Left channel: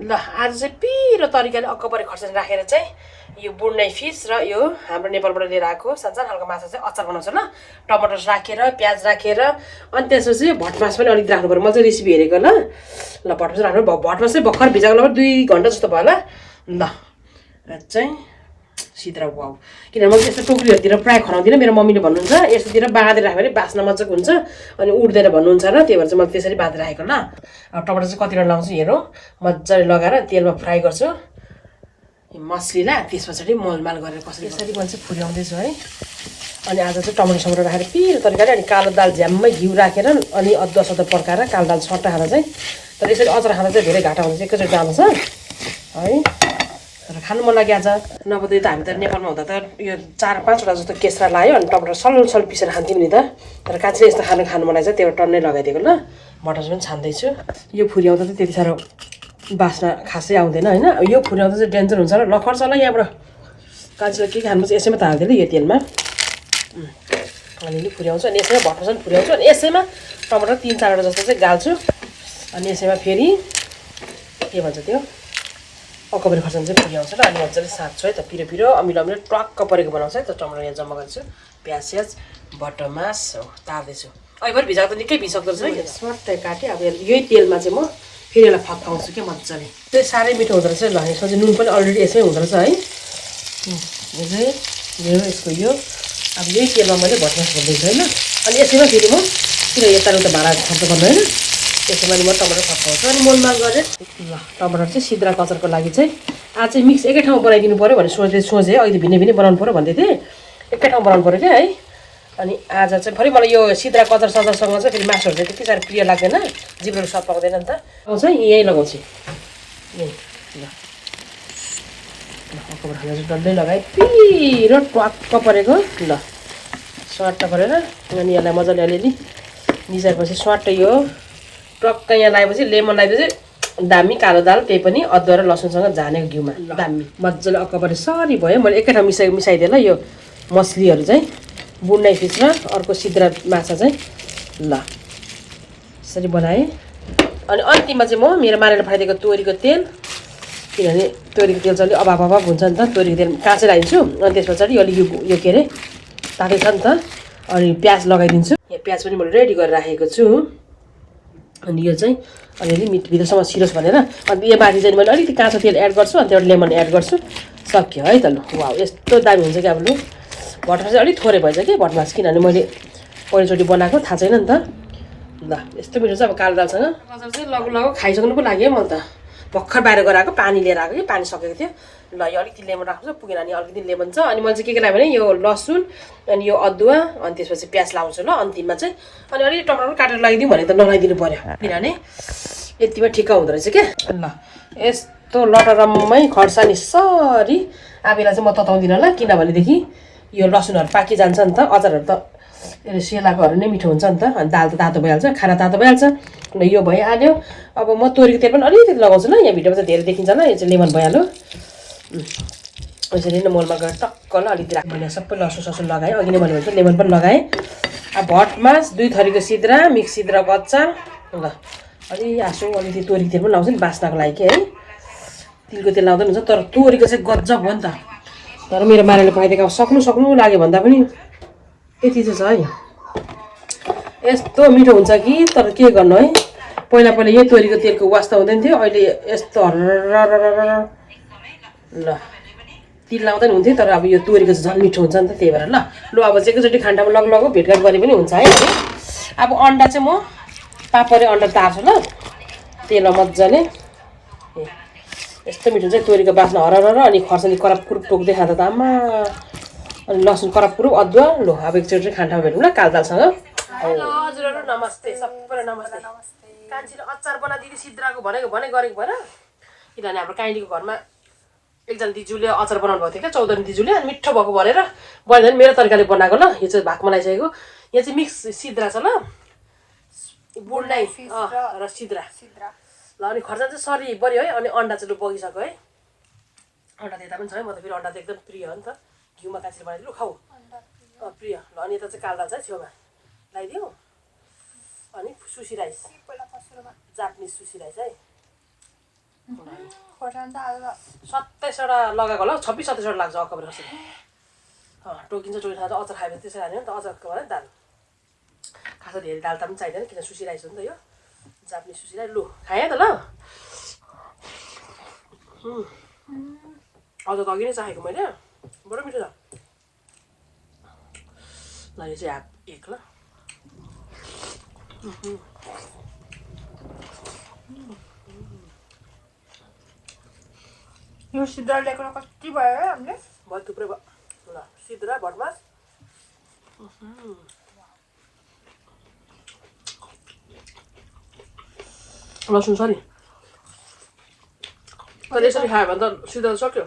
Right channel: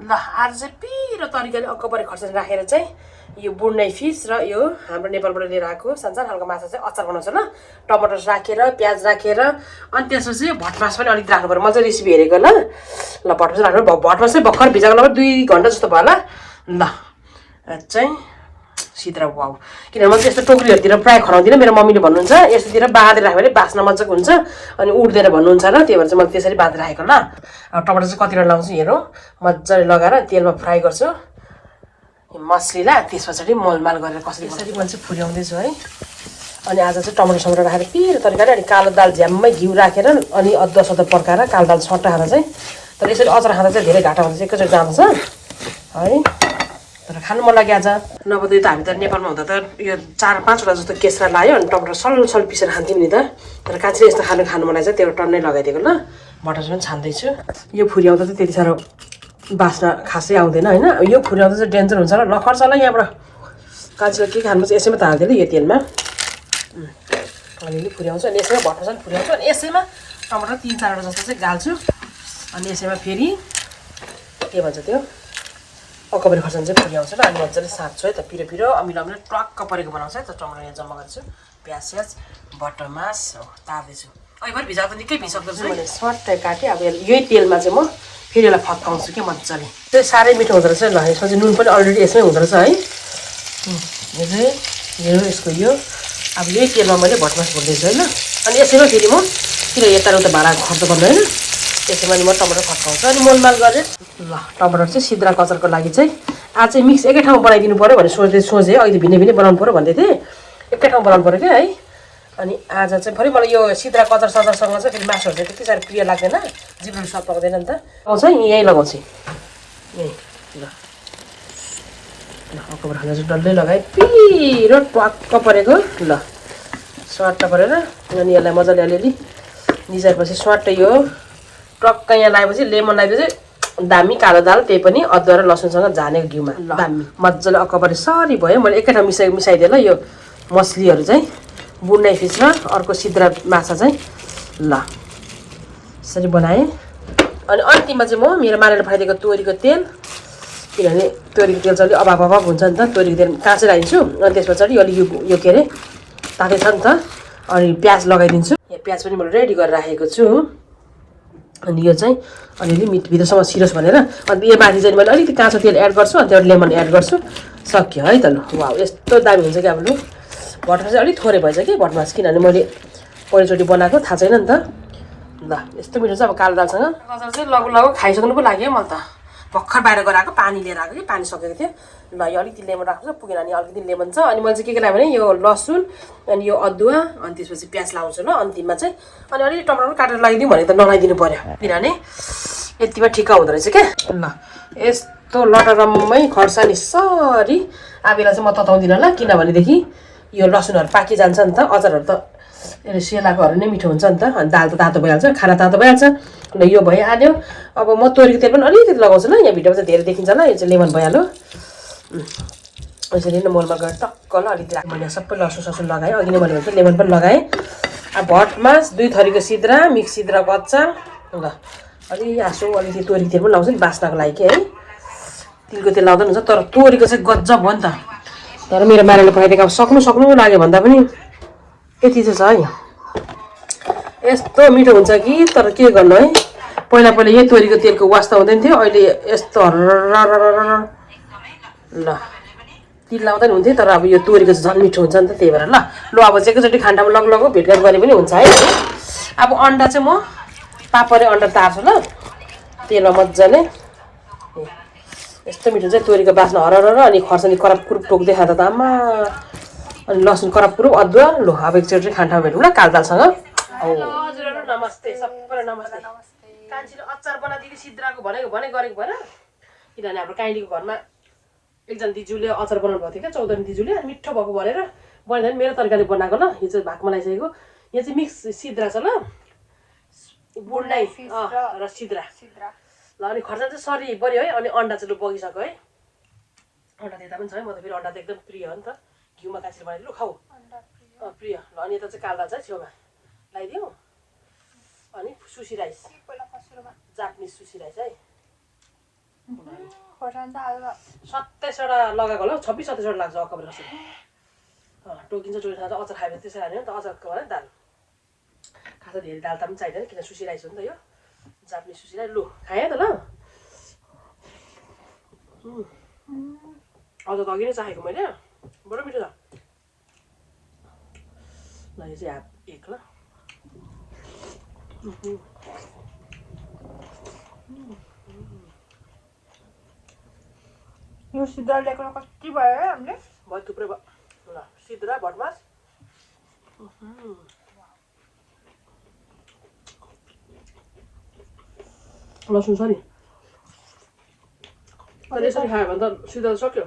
ल आज चाहिँ पिरो तरिकाले अक्कबरे खर्सानी राखेर चाहिँ यो बुन्नै फिस र यो हाम्रो नेपालबाट लिएर आएको सानसानो खालको माछा चाहिँ अचार बनाउँछ ल टमाटर राखेर प्याज राखेर अनि त्यसपछि भटमास पनि अलिकति राख्नु पर्यो म चाहिँ रेसिपी हेरेको ल भटमास राख्नु भटमास चाहिँ भर्खर भिजाएको लगभग 2 घन्टा जस्तो भयो ल चाहिँ सिद्रा वाउ किनभने मैले त्यस्तो टोकरीहरूतिर प्रायः खनाउँदिनँ मेरो मम्मीले भन्नुहुन्छ यस्तोतिर बाँधेर राख्यो भने बास्न मजाको हुन्छ अनि उड्दैन भन्नुहुन्छ र त्यही भएर चाहिँ मैले त्यसरी बाँधेर राखेको ल अब टमाटर चाहिँ कतिवटा लाउँछु हेरौँ मजाले लगाएर तेलमा फ्राई गर्छु मसलीलाई त्यस पछाडि मोलमाल गरेर कसरी कसरी मैले चाहिँ फुर्याउँदैछु है अनि आज चाहिँ टमाटर समटर राखेर पिरो तरिकाले अनि कालो दाल झ्याम्मै घिउ राखेर अनि अदुवा सदुवा पड्काएर कालो दाल सट्टा खाँदा चाहिँ तर यसरी अचार खाँदा चाहिँ धेरै घाटा हुन्छ एकैचोटि जान्छ है तर खानु मन लाग्यो आज नभए त हामी त नेपालमा हुँदा त यो 4-5वटा जस्तो केस्रा लायो अनि टमाटर सल पिसेर खान्थ्यौँ नि त तर काँचै यस्तो खानु मन लाग्छ त्यो टन्नै लगाइदिएको ल मटर पनि छान्दैछु यो फुर्याउँदा चाहिँ त्यति साह्रो बास्ना खासै आउँदैन होइन यो फुर्याउँदा चाहिँ डेन्जर हुन्छ र नखर्छ होला यहाँबाट काँचीलाई के खानु चाहिँ यसैमा त हाल्दैन यो तेलमा अलिअलि फुर्याउँछु अनि यसैमा भट्टर पनि फुर्याउँछु अनि यसैमा टमाटर 3-4वटा जस्तो चाहिँ गाल्छु अनि यसैमा फेरि के भन्छ त्यो अक्कबरे खर्सानी चाहिँ फुर्याउँछ र अनि मजाले साट्छु है त पिरो अमिलो टक्क परेको बनाउँछ है त टमाटर यहाँ जम्मा गर्छु प्याज बटमास हो तार्दैछु अहिले भिजाएको त निकै भिजक्दो रहेछ मैले सर्टै काटेँ अब यही तेलमा चाहिँ म फेरि यसलाई फत्काउँछु क्या मजाले त्यो साह्रै मिठो हुँदो रहेछ ल यसमा चाहिँ नुन पनि अलरेडी यसमै हुँदो रहेछ है यो यसको यो अब यही तेलमा मैले भटमास भुल्दैछु होइन अनि यसैमा फेरि म किन यताउता भाँडा खर्च गर्नु होइन त्यसैमा म टमाटर फत्काउँछु अनि मोलमाल गरेँ ल टमाटर चाहिँ सिद्रा कचरको लागि चाहिँ आज चाहिँ मिक्स एकै ठाउँमा बनाइदिनु पऱ्यो भनेर सोचेँ अहिले भिन्नै बनाउनु पऱ्यो भन्दै थिएँ एकै ठाउँमा बनाउनु पऱ्यो क्या है अनि आज चाहिँ फेरि मलाई यो सिद्रा कचर सचरसँग चाहिँ फेरि मासुहरू चाहिँ त्यति साह्रो प्रिय लाग्दैन जिब्रो सब पाउँदैन नि त लगाउँछ यहीँ लगाउँछु यहीँ ल अक्कबरे खाना चाहिँ डल्लै लगाएँ पिरो टक्क परेको ल स्वाट परेर अनि यसलाई मजाले अलिअलि निचाएपछि स्वाट यो टक्क यहाँ लगाएपछि लेमन लगाएपछि दामी कालो दाल त्यही पनि अदुवा र लसुनसँग झानेको घिउमा दामी मजाले अक्कबरे सरी भयो मैले एकै ठाउँ मिसाइदिएँ ल यो मछलीहरू चाहिँ बुन्नै फिस र अर्को सिद्रा माछा चाहिँ ल यसरी बनाएँ अनि अन्तिममा चाहिँ म मेरो मारेर फाइदिएको तोरीको तेल किनभने तोरीको तेल चाहिँ अलिक अभाव हुन्छ नि त तोरीको तेल काँचै राखिदिन्छु अनि त्यस पछाडि अलिक यो के अरे तातै छ नि त अनि प्याज लगाइदिन्छु यो प्याज पनि मैले रेडी गरेर राखेको छु अनि यो चाहिँ अलिअलि भित्रसम्म छिरोस् भनेर अनि यो माथि चाहिँ मैले अलिकति काँचो तेल एड गर्छु अनि त्यहाँबाट लेमन एड गर्छु सक्यो है त ल वाउ यस्तो दामी हुन्छ कि अब लु भटमास चाहिँ अलिक थोरै भएछ कि भटमास किनभने मैले पहिलोचोटि बनाएको थाहा छैन नि त ल यस्तो मिठो छ अब कालो दालसँग अचार चाहिँ लगु खाइसक्नु पो लाग्यो म त भर्खर बाहिर गएर आएको पानी लिएर आएको कि पानी सकेको थियो ल यो अलिकति लेमन राख्छु पुगेन अनि अलिकति लेमन छ अनि मैले चाहिँ के लगाएँ भने यो लसुन अनि यो अदुवा अनि त्यसपछि प्याज लाउँछु ल अन्तिममा चाहिँ अनि अलिकति टमाटर पनि काटेर लगाइदिउँ भने त नलाइदिनु पर्यो किनभने यतिमा ठिक्क हुँदो रहेछ क्या ल यस्तो लटरम्मै खोर्सानी सरी आबेला चाहिँ म तताउँदिनँ ल किनभनेदेखि यो लसुनहरू पाकिजान्छ नि त अचारहरू त सेलाकोहरू नै मिठो हुन्छ नि त अनि दाल त तातो भइहाल्छ खाना तातो भइहाल्छ ल यो भइहाल्यो अब म तोरीको तेल पनि अलिकति लगाउँछु ल यहाँ भिडियोमा चाहिँ धेरै देखिन्छ ल यो चाहिँ लेमन भइहाल्यो यसरी नै मोलमा गएर टक्क ल अलिकति राख मैले सबै लसुन ससुन लगाएँ अघि नै मैले भन्छ लेमन पनि लगाएँ अब भटमास 2 थरीको सिद्रा मिक्स सिद्राको अचार ल अलि आसु अलिकति तोरीको तेल पनि लाउँछु नि बास्नाको लागि के है तिलको तेल लाउँदा पनि हुन्छ तर तोरीको चाहिँ गजब हो नि त तर मेरो मारेले पकाइदिएको अब सक्नु लाग्यो भन्दा पनि यति चाहिँ छ है यस्तो मिठो हुन्छ कि तर के गर्नु है पहिला यही तोरीको तेलको वास्ता हुँदैन थियो अहिले यस्तो ल तिल लाउँदा नि हुन्थ्यो तर अब यो तोरीको चाहिँ झन् मिठो हुन्छ नि त त्यही भएर ल अब चाहिँ एकैचोटि खान्डामा लगु भेटघाट गरे पनि हुन्छ है अब अन्डा चाहिँ म पापरे अन्डा तार्छु ल तेलमा मजाले यस्तो मिठो चाहिँ तोरीको बास्ना हरर अनि खर्सानी कराप कुरुप टोक्दै खाँदा त आमा अनि लसुन कराप कुरुप अदुवा लो अब एकचोटि खान्डामा भेटौँ ल कालो दालसँग हजुरहरू नमस्ते सबैलाई नमस्ते कान्छीले अचार बनाइदिएको सिद्राको भनेको गरेको भएर किनभने हाम्रो काइलीको घरमा एकजना दिजूले अचार बनाउनु भएको थियो क्या 14 दिजूले अनि मिठो भएको भनेर बनाइदिनु मेरो तरिकाले बनाएको ल यो चाहिँ भागमा लगाइसकेको यहाँ चाहिँ मिक्स सिद्रा छ ल बुन्नै र सिद्रा ल अनि खर्सानी चाहिँ सरी बढ्यो है अनि अन्डा चाहिँ बगिसक्यो है अन्डा त्यता पनि छ है म त फेरि अन्डा त एकदम प्रिय हो नि त घिउमा काँचेर बनाएर लु खाऊ प्रिय ल अनि यता चाहिँ कालो दाल चाहिँ छेउमा लगाइदिउँ अनि सुसी राइस जापानिज सुसी राइस है 27वटा लगाएको होला 26-27वटा लाग्छ अक्काबर खसी टोकिन्छ टोकिन्छ अचार खाएपछि त्यसै हाल्यो नि त अचारको भने दाल खास धेरै दाल त पनि चाहिँदैन किन सुसिरहेको छ नि त यो जापानिज सुसिरहेको लु खाएँ त ल अझको अघि नै चाहेको मैले बडो मिठो छ ल यो चाहिँ हाफ एक ल यो सिद्रा ल्याएको कति भयो है हामीले भयो थुप्रै भयो ल सिद्रा भटमास लसुन छ नि तर यसरी खायो भने त सिद्रा सक्यो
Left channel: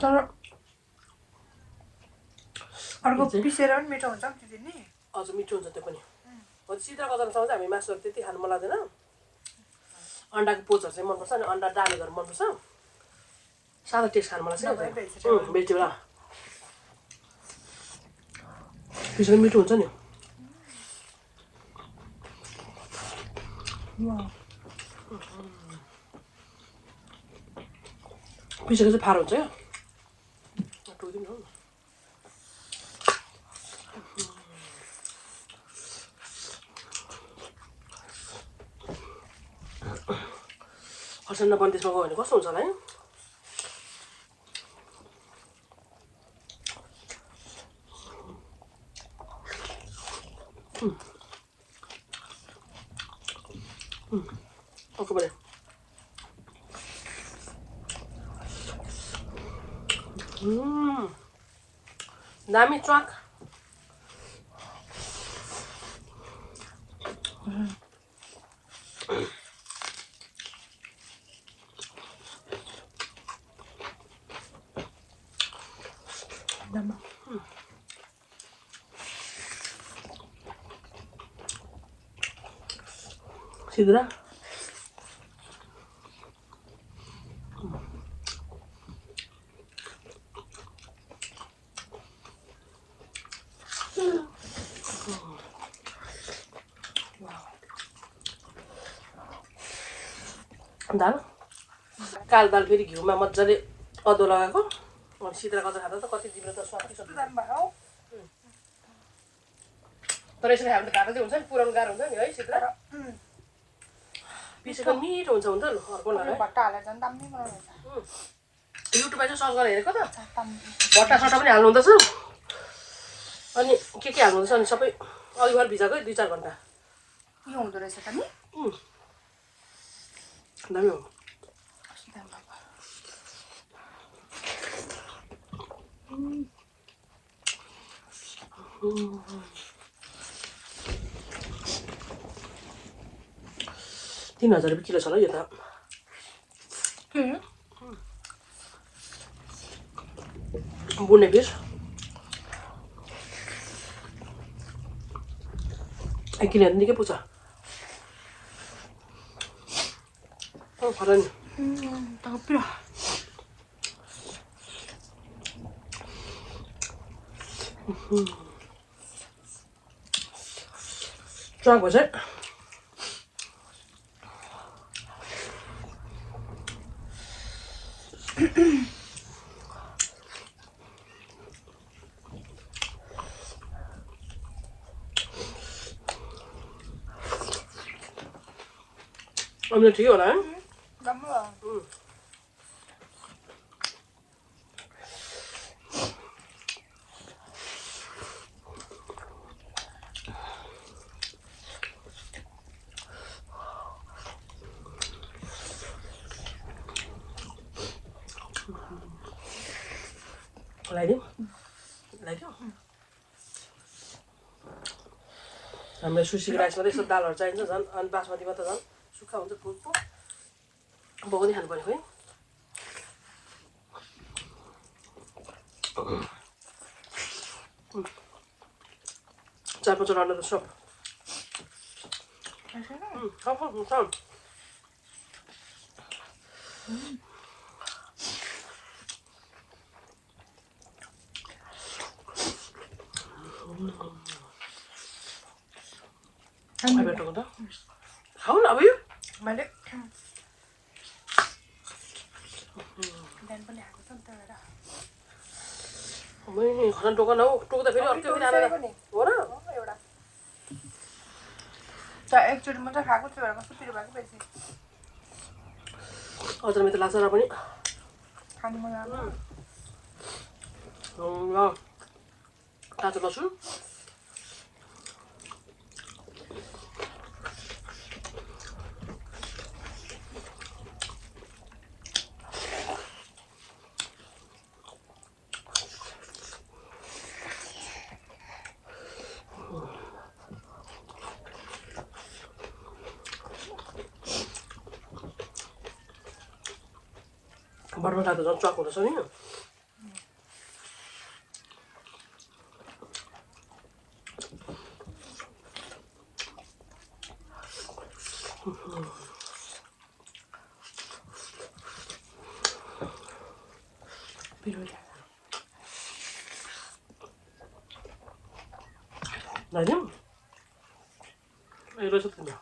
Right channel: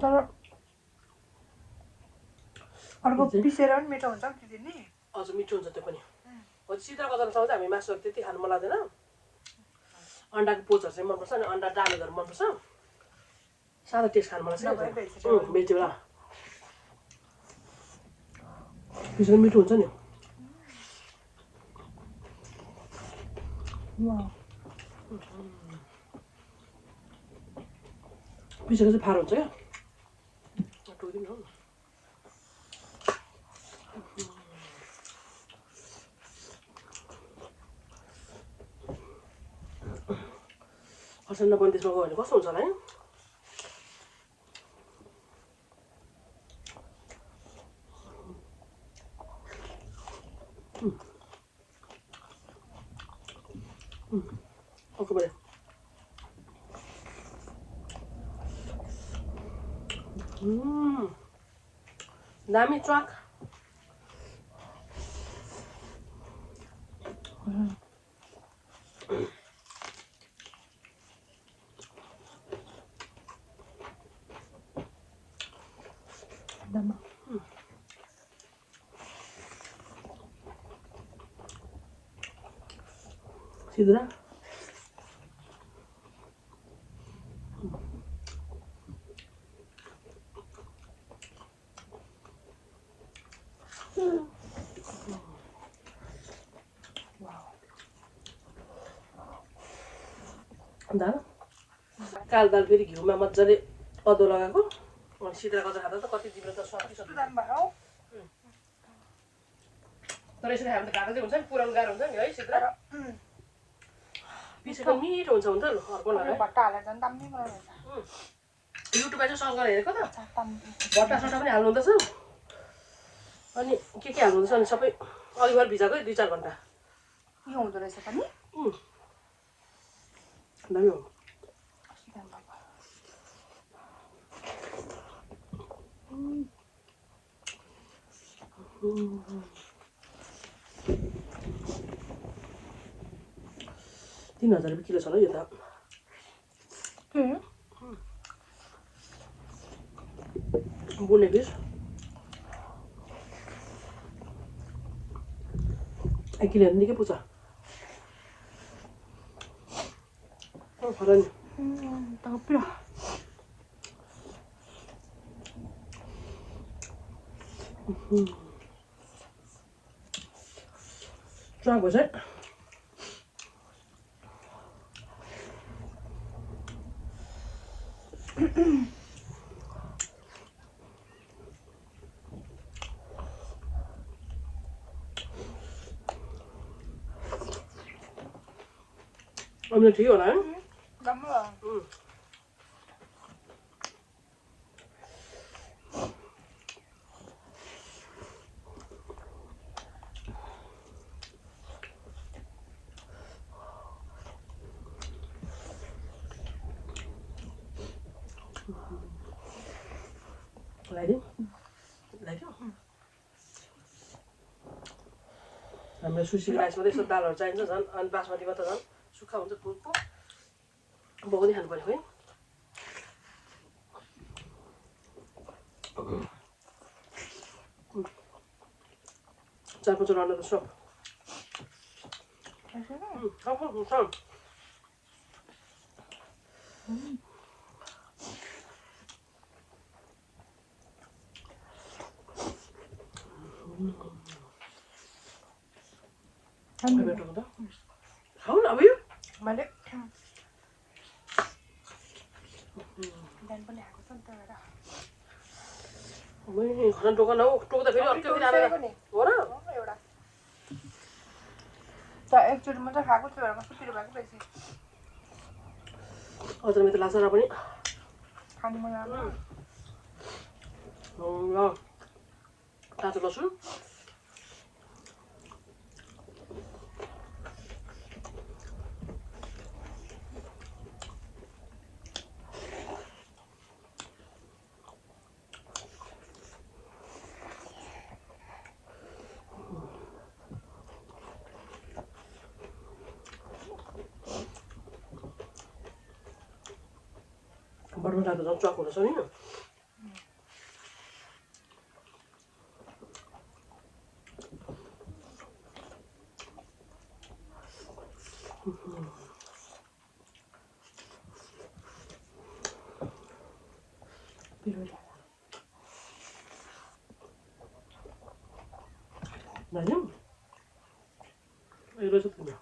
तर अर्को पिसेर पनि मिठो हुन्छ नि त्यो नि अझ मिठो हुन्छ त्यो पनि सिद्रा गजाउनुसँग चाहिँ हामी मासुहरू त्यति खानु मन लाग्दैन अन्डाको पोचहरू चाहिँ मनपर्छ अनि अन्डा डालेहरू मनपर्छ सादा टेस्ट खानु मन लाग्छ भेजिटेबल पिसेर मिठो हुन्छ नि पिसेको चाहिँ फारो हुन्छ क्या टोकिदिनु हो खर्सानी पनि त्यसमा गयो भने कस्तो हुन्छ होला है ओके बढे दामी च्वाक सिद्रा दाल कालो दाल फेरि घिउमा मजाले अदुवा लगाएको अनि सिद्रा गजा खाँदा त कति जिब्रो त स्वादिष्ट तर यसरी हामीले खाँदा चाहिँ हुन्छ नि पुरानो गाह्रो हुन्छ नि है सिद्रा पिसेको मिठो हुन्छ हुन्छ नि अर्को लगायो युट्युबमा चाहिँ सर्च गरेर हेरेको त भट्टा सट्टा पनि हाल्नु हुँदैछ अनि के हाल्नु हुँदैछ अनि सबै अघिबाट भिजाएको 2-4 घन्टा यो हुँदो रहेछ त नि दामी हो ₹3000 किलो छ ल यो त बुने फिस 1 किलो निकै पुग्छ खरानी tapio Try was it? I'm going to go now. Like it? Like it? हाम्रो सुसी राइसमा यसो दालहरू चाहिन्छ झन् अनि बासमतीमा त झन् सुक्खा हुन्छ फुलको बोक्दै खानु पर्यो है 4, 5 ronder de sop. Kom. Hai betul kan? Kau nak apa you? Balik. Dan boleh aku tonton dah. Ini kan tu kan aku tu dah pilih orang pilih anak. Mana? एउटा त एकचोटि मात्रै खाएको थियो होला कस्तो पिरो भएको रहेछ अझ मेरो लाग्छ र पनि खानु मन लाग्यो ल काँचो लसुन बर्मा खाँदा झन् चक हुँदैछ नि नानी रहेछ तिम्रो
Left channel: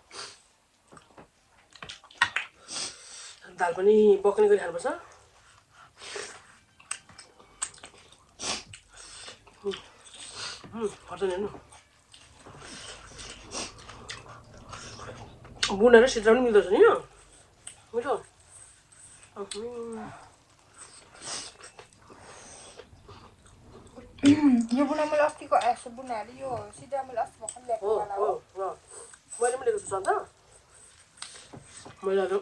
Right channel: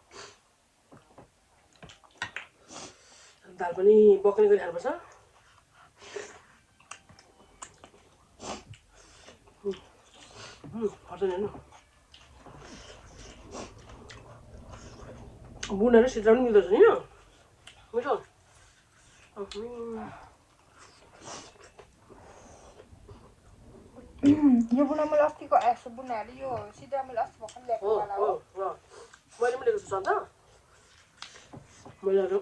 दाल पनि बक्ने गरी खानुपर्छ पर्दैन हेर्नु बुनेर सिद्रा पनि मिल्दछ नि यो मिठो यो बुना मैले अस्तिको यसो बुनाले यो सिधा मैले अस्ति भर्खर ल्याएको मैले पनि लिएको छु सन्त मैले आज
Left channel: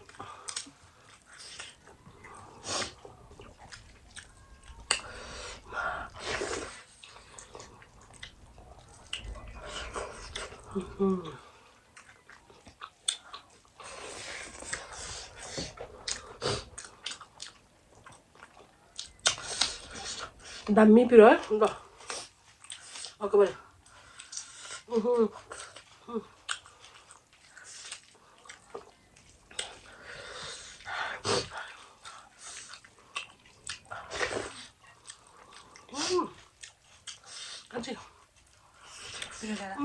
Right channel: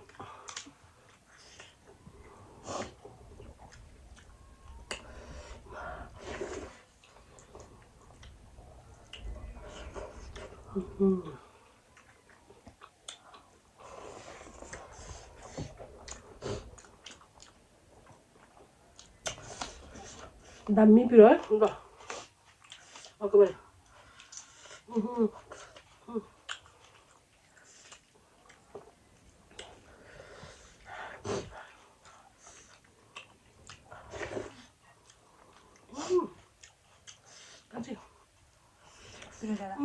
दामी पिरो है ल अर्को बेला कान्छी पिरो जाँदा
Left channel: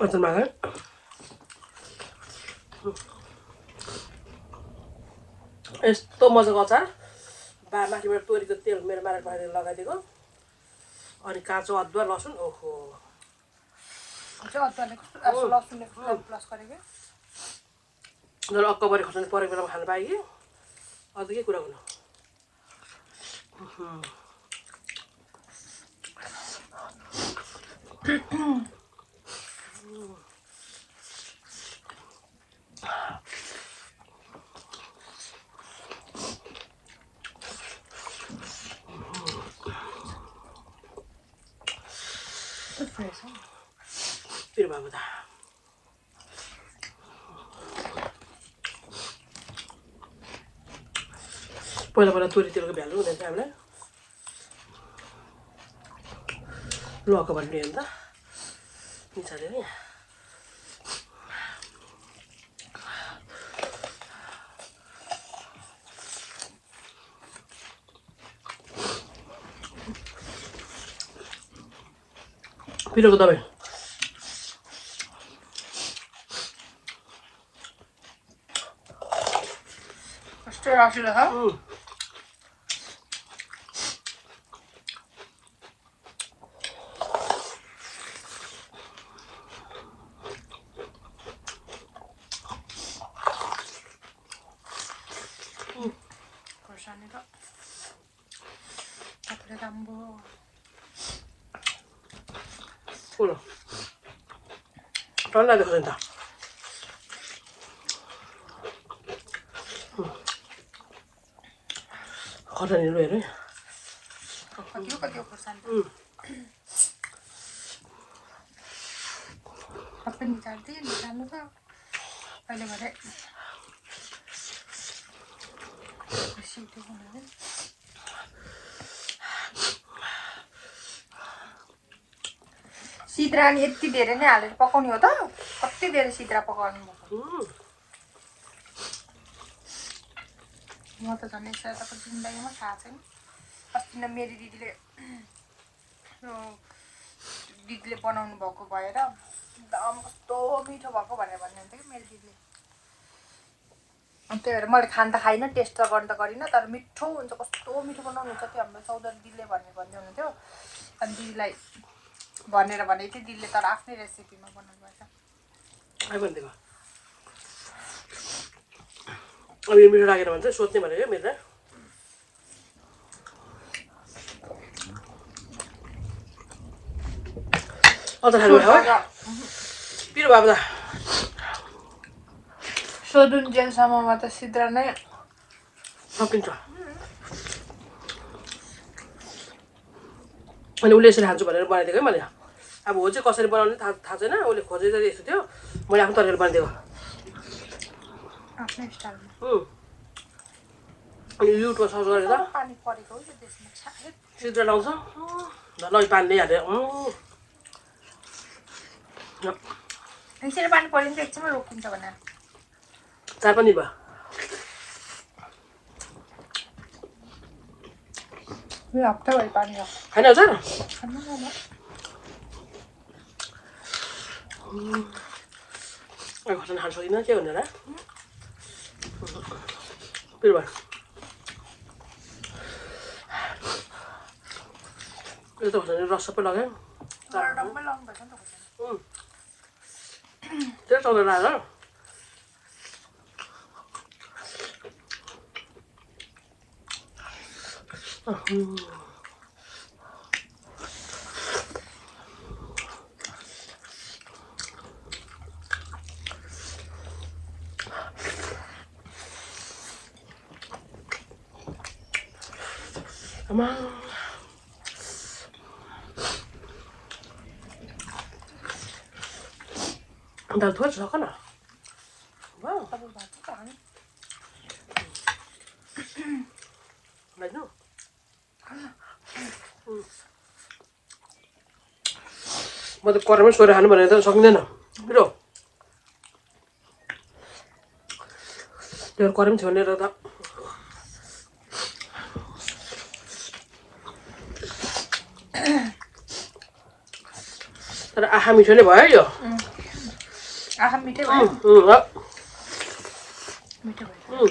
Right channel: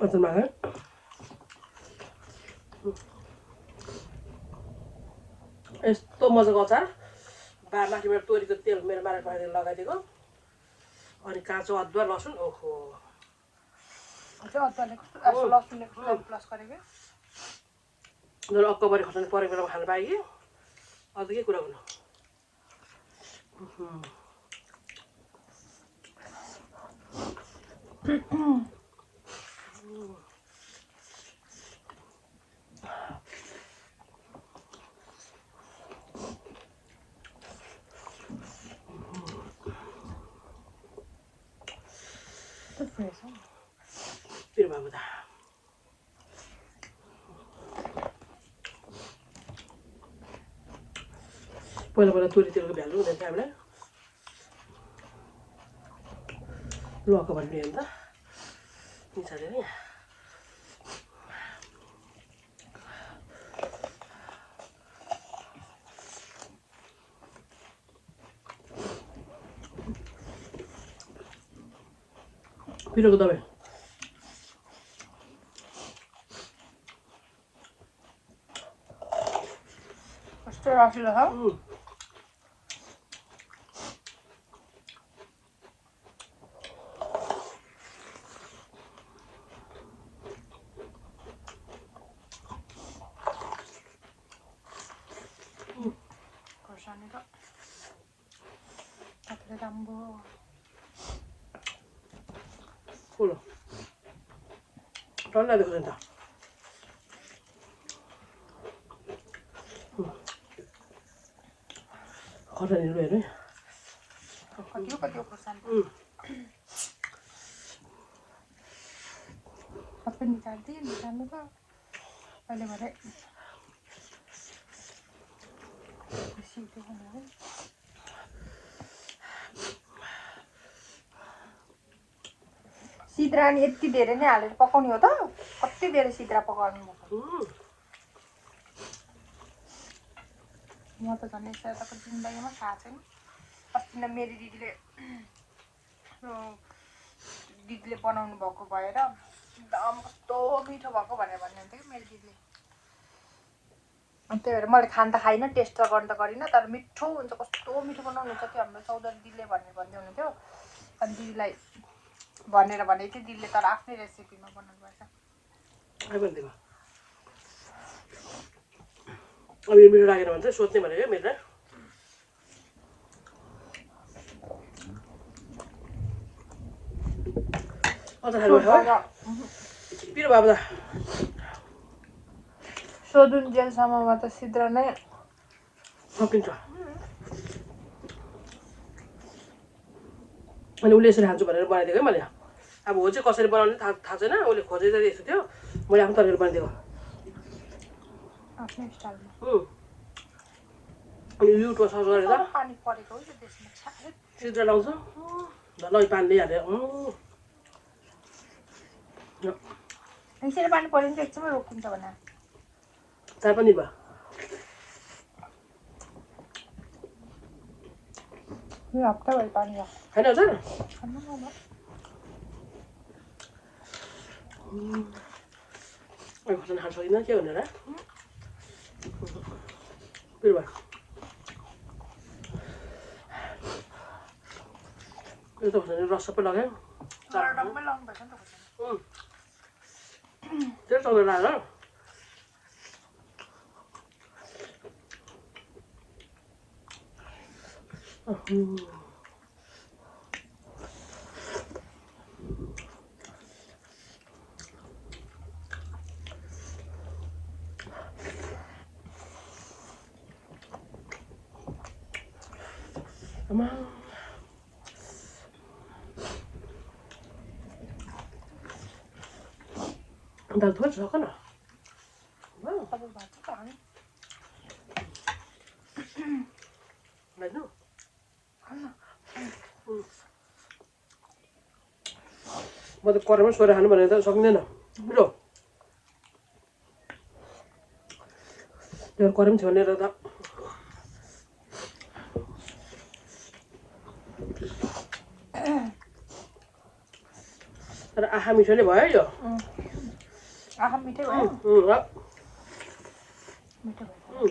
अचार माग यस्तो मजाको अचार माथिबाट तोरीको तेल मेरो मारेर पखालेर लगाइदिएको अनि काँचो अदुवा लसुन ओहो अदुवाले कस्तो लसुनले कस्तो प्लस गरेको जब अक्कबरी खोर्सानी परेको बेलामा खानु पाएँ कि अझ के कुरा गर्नु पिरो भएको त पहिला तोरीतिरको भ्यालु हुँदैन थियो हामीलाई ल अक्कबरी नि अन्त पिछाडि नि पिरोको दबाई कस्तो रसिलो छ कोलो टल्ला देखो नि त खर्सानीहरू हेर्नु कति खोर्सानी सबै निकाल्नु त अहिले भरे सिद्रा नि यति धेरै नै हालेर पकाउने हो त कति धेरै सिद्रा पकाउनु म त झन् यसको जिन्दगीमा थाहा छैन अस्ति नै मेरो दिदीले बनाउनु भएको भएर एकदम कस्तो मिठो भएको भनेर भन्नुहुन्थ्यो कि मेरो दिदीले त्यही भएर मैले खान त खाइनँ टेस्ट त गर्नु त गरिनँ तर मिठो हुन्छ कस्तो मिठो बनाउनुहुन्छ त्यो हाम्रो चौधरी दिदीले भन्दै हुनुहुन्थ्यो अनि दिदीलाई भनेर भनेको थियो दिदीले तर आफ्नै रेसिपीमा बनाउनु भएको भनिदिएको अब यो मिठो लागेर भन्छ सोध्ने भनेको मेरो अझ खानु पिरो बाबु त सोधुन्जेलसम्ममा त सिद्रा नै सकिन्छ अनि उसले यसरी खान्छु भनेर बनाइदिएको है मैले अब हो चाहिँ कसरी बनाउने थाहा छैन उसले खोजेर यस्तो थियो मैले आफ्नो तरिकाले बनाइदिएको आफ्नै स्टाइलमा अनि युट्युबमा सर्च गरेर पानी परेको हो त्यसमा सिद्रा लाउँछ ल पानी ल्याइहाल्यो एकछिन पानी पऱ्यो भने चाहिँ एकछिनमा रोकिन्छ भनेर चार पनि भयो यो हप्ताभरि पानी खाने हो चार खोर्सानी खान सकिनँ के भनेर पिरो भयो यो त खोर्सानी रस सबै लगायो त्यही चल्दै लगाएर Come on. Đào thuốc cho con à? Wow. Đấy nữa. Mà tôi qua đó xoay hắn mà này tao xong lên nào. Biết rồi. Rồi qua đó xoay lên rồi đó. तर आँखा मिठो नै भयो यो आँखा मिठै भयो मिठो भयो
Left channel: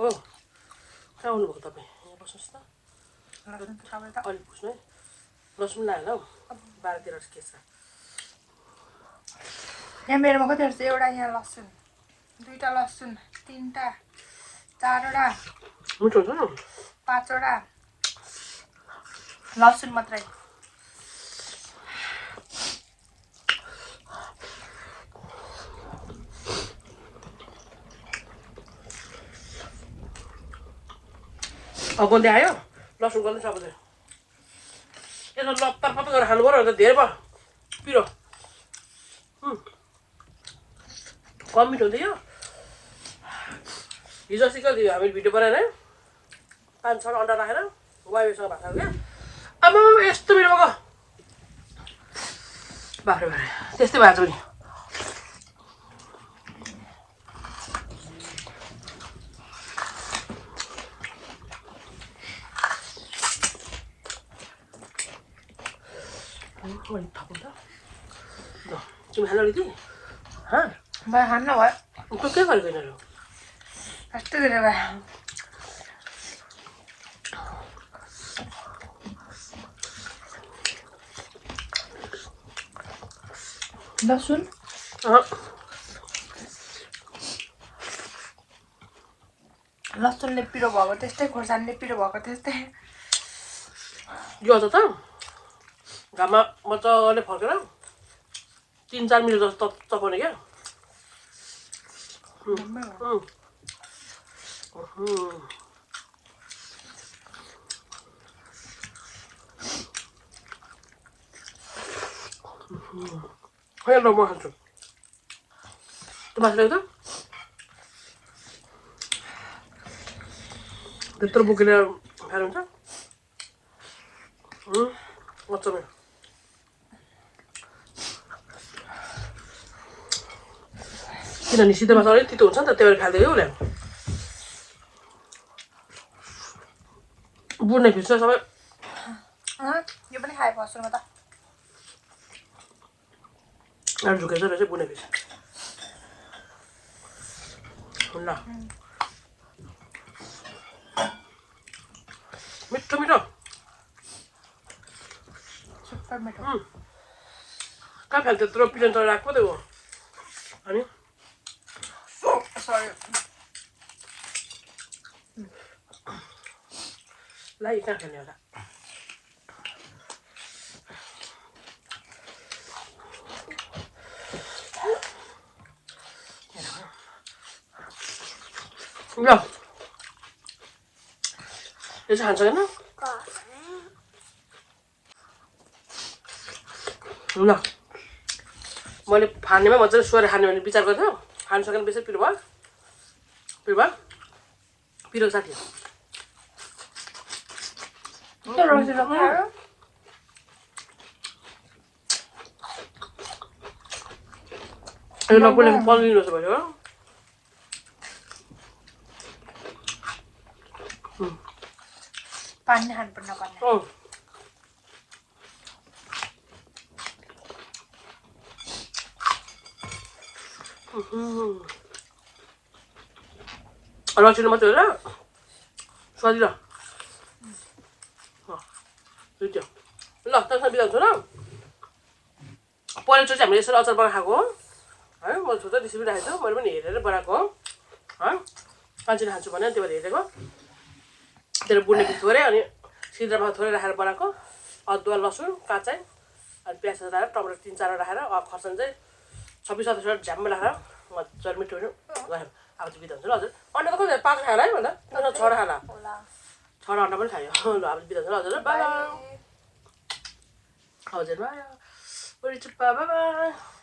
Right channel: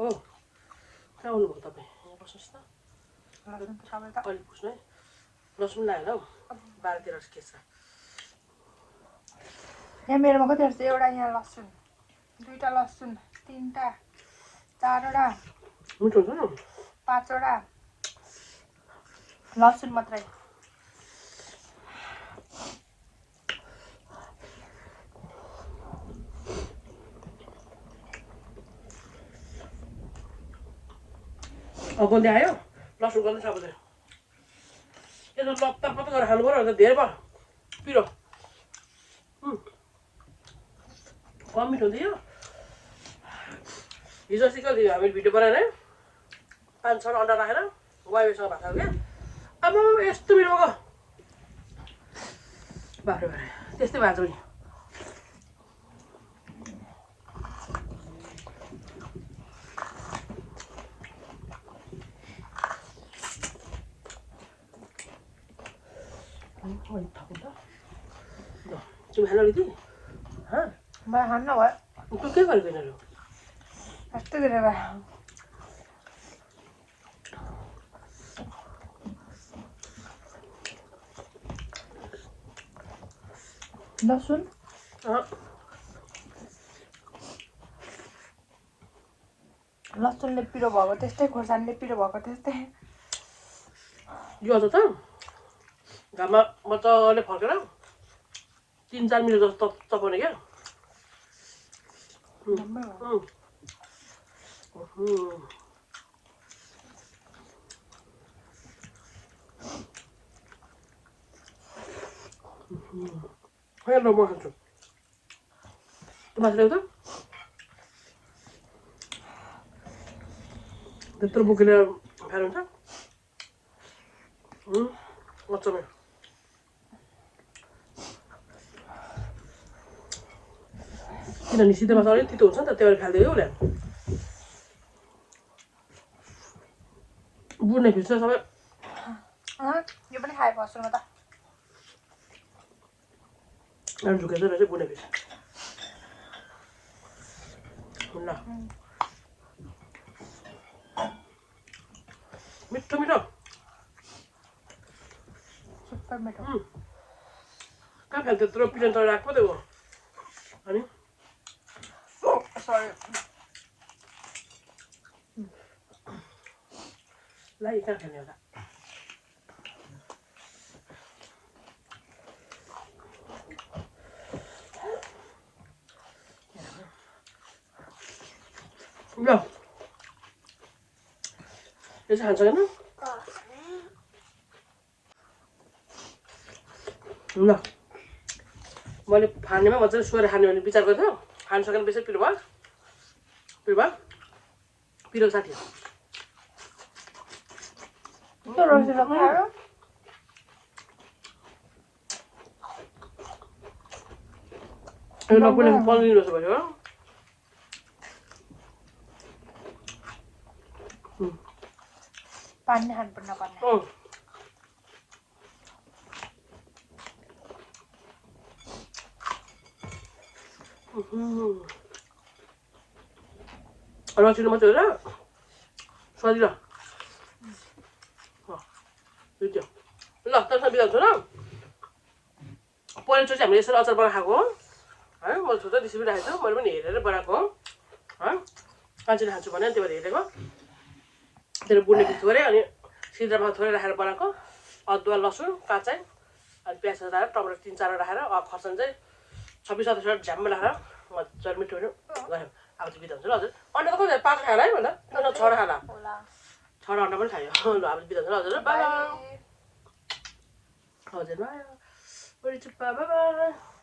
ओ कहाँ आउनुभएको तपाईँ अलिक पुग्नु है लसुन लगाएर हौ 12-13 के छ यहाँ मेरोमा कति छ एउटा यहाँ लसुन दुईटा लसुन तीनटा चारवटा मिठो हुन्छ नि 5वटा लसुन मात्रै अगोन्दै आयो लसुन गर्नु सब चाहिँ यसो लत्तर पत्तर गरेर खानु पर्यो भने त धेरै भयो पिरो कम मिठो हुन्छ यो हिजो अस्ति कति हामीले भिडियो बनाएर 5-6 अन्डा राखेर वाइफसँग भात खायो क्या अब यस्तो मिठो भएको बाख्रे बाख्रे त्यस्तै भएको छ नि तिमी खानु अलिकति भयो खान्न भयो के गरेको यिनीहरू यस्तो धेरै भयो लसुन अँ, लसुनले पिरो भएको त्यस्तै खोर्सानीले पिरो भएको त्यस्तै यो अझ त घाममा मजाले फर्केर 3-4 मिनट जस्तो चपाउने क्या खै ल म खान्छु त्यो मासु ल्याउँछ त्यत्रो बोकेर खाएर हुन्छ मजाले किनभने सिधै मासु अलिक तितो हुन्छ नि त त्यही भएर खाँदै हो उसले बुढ्ने फिस सबै यो पनि खाएको सुरुमा त झुकेछ रहेछ बुढ्ने फिस ल मिठो मिठो सुपर मिठो कहाँ फ्याल्थ्यो त्यत्रो पिजन त राख्नु त्यो अनि सरी ला कहाँ खाने होला ल यो चाहिँ खान्छ होइन ल मैले फानेमा मजाले सोएर खाने भने विचार गर्थ्यो खानु सकेन बेसी पिरो भयो पिरो साथी यो नपुले 15 दिन जस्तो भयो पानी खानुपर्ने पर्ने रसिलो मात्रै हो र स्वादिलो त्यो ल त्यसमा बिगाउँछु ल पहिलोचोटि हामीले यसरी अचार बनाएर खाएको हो है मैले छोटो रेसिपी राखेको छु मैले पनि हेरेर बनाएको हो है मान्छेले खान्छु भने त्यो भएर हेरेको त्यसले बुढ्ने पिस थोरै अनि सिद्रामा थोरै राखेर बनाएको अदुवा लसुन काँचै अनि प्याज राखेर टमाटर 3-4 राखेर खर्सानी चाहिँ 26-27 झ्याम्म राखेर मजाले मिठो मिठो गऱ्यो अब चाहिँ बिदा हुन्छ ल हजुर अन्डा त कति पाएको खायो होला है भन्दा छोडा खाला छोडा अन्डा पनि खायो ल अब बिदा हुन्छ हजुर बाई हजुर बाई बाई